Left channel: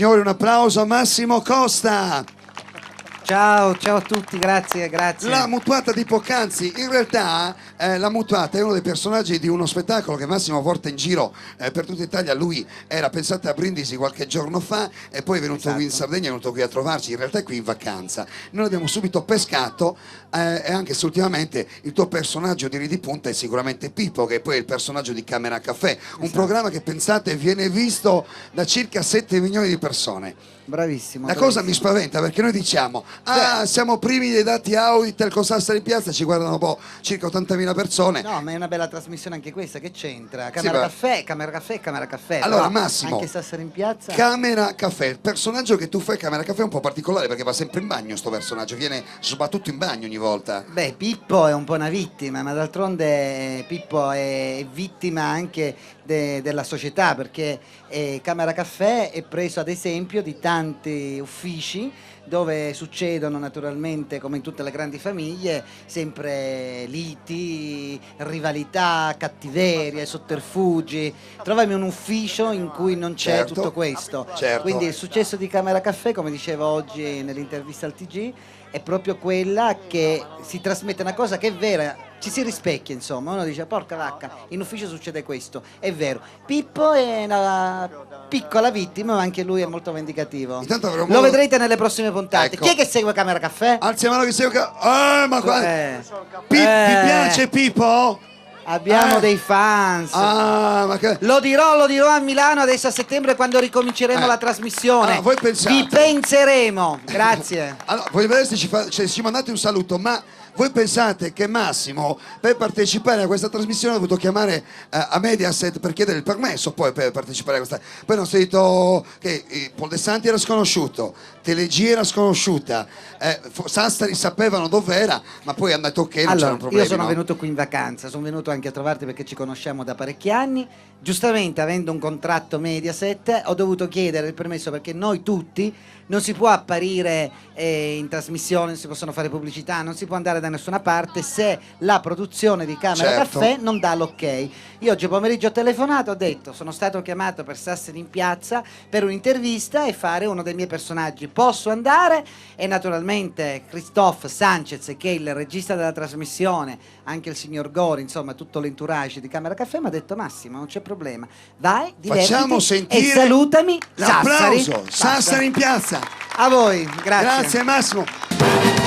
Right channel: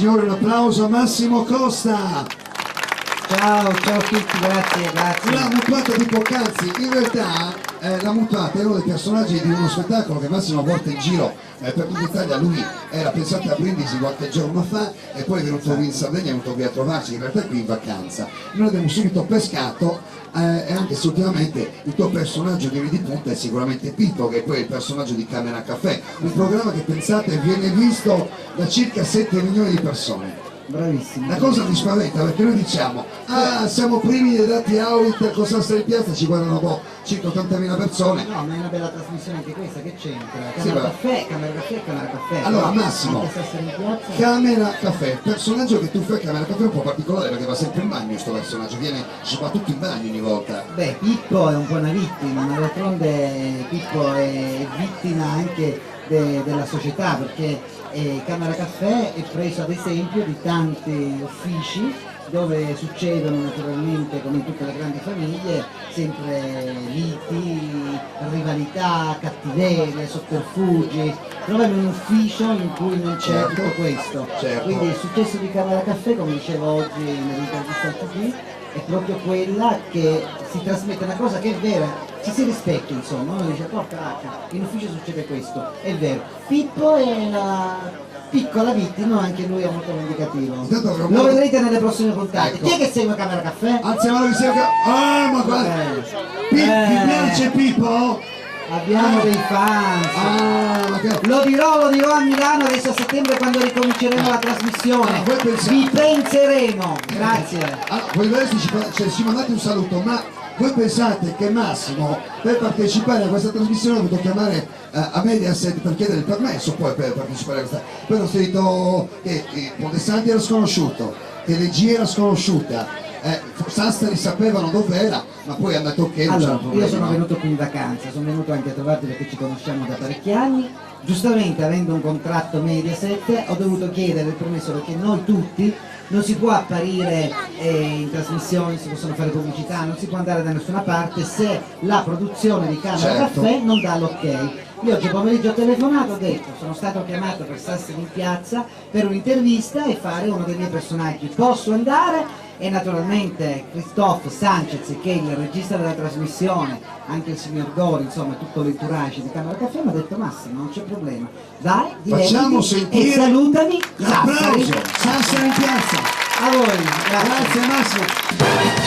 signori, un applauso a Massimo Costa. Ciao, ciao a tutti, grazie, grazie. La mutuata di poc'anzi, in realtà la mutuata è uno dei personaggi di uno spettacolo che Massimo porta in giro per tutta Italia. Lui era, pensate, a Brindisi qualche giorno fa e poi è venuto qui in Sardegna, è venuto qui a trovarci, in realtà è qui in vacanza. Noi l'abbiamo subito pescato e anche se ultimamente il tuo personaggio di punta è sicuramente Pippo, che poi è il personaggio di Camera Café, un programma che, pensate, viene visto da circa 7 milioni di persone. Bravissimo. La cosa mi spaventa perché noi diciamo siamo primi dei dati Auditel con Sassari in Piazza, ci guardano circa 80.000 persone. No, ma è una bella trasmissione anche questa, che c'entra? Camera Caffè, Camera Caffè, Camera Caffè. Allora no, Massimo, anche Sassari in Piazza. Camera Caffè, il personaggio che tu fai Camera Caffè è un po' particolare perché va sempre in bagno sto personaggio, viene soprattutto in bagno ogni volta. Beh, Pippo è un po' una vittima, ma d'altronde Pippo è vittima anche della società, perché Camera Caffè è preso ad esempio di tanti uffici dove succedono naturalmente, come in tutte le grandi famiglie, sempre liti, rivalità, cattiveria, sotterfugi. Trovami un ufficio in cui non c'è tutto questo. Quindi il successo di Camera Caffè, come dicevo oggi nell'intervista al TG, è proprio quella che si trasmette una cosa che è vera, ci si rispecchia, insomma, uno dice porca vacca, in ufficio succede questo, è vero. Pippo è una piccola vittima, ma anche lui è molto vendicativo. Lo vedrete nelle prossime puntate. Ecco. Chi è che segue Camera Caffè? Alza la mano che segue ma guarda! Ti piace Pippo? Abbiamo dei fans. Lo dirò a Milano adesso a settembre quando ricominceremo la trasmissione. Vi penseremo. Grazie. Allora, voi adesso ci mandate un saluto, ma voi pensate che Massimo per partecipare a questa trasmissione ha dovuto chiamare a Mediaset per chiedere il permesso poi per partecipare a questa? Poi non si è detto che Poldessanti era sconosciuto, Telegia era sconosciuta, Sassari sapevano dov'era, ma poi hanno detto che non c'era problema. Io sono venuto qui in vacanza, sono venuto anche a trovarti perché ci conosciamo da parecchi anni. Giustamente, avendo un contratto Mediaset, ho dovuto chiedere il permesso perché noi tutti non si può apparire in trasmissione, non si possono fare pubblicità, non si può andare da nessuna parte se la produzione di Camera Caffè non dà l'ok. Io oggi pomeriggio ho telefonato, ho detto sono stato chiamato per Sassari in Piazza per un'intervista e fare uno dei miei personaggi, posso andare? E naturalmente Christophe Sanchez, che è il regista della trasmissione, anche il signor Gori, insomma tutto l'entourage di Camera Caffè, mi ha detto Massimo non c'è problema, vai, facciamo sentire e salutami l'applauso Sassari. Sassari in Piazza. A voi, grazie. Grazie Massimo.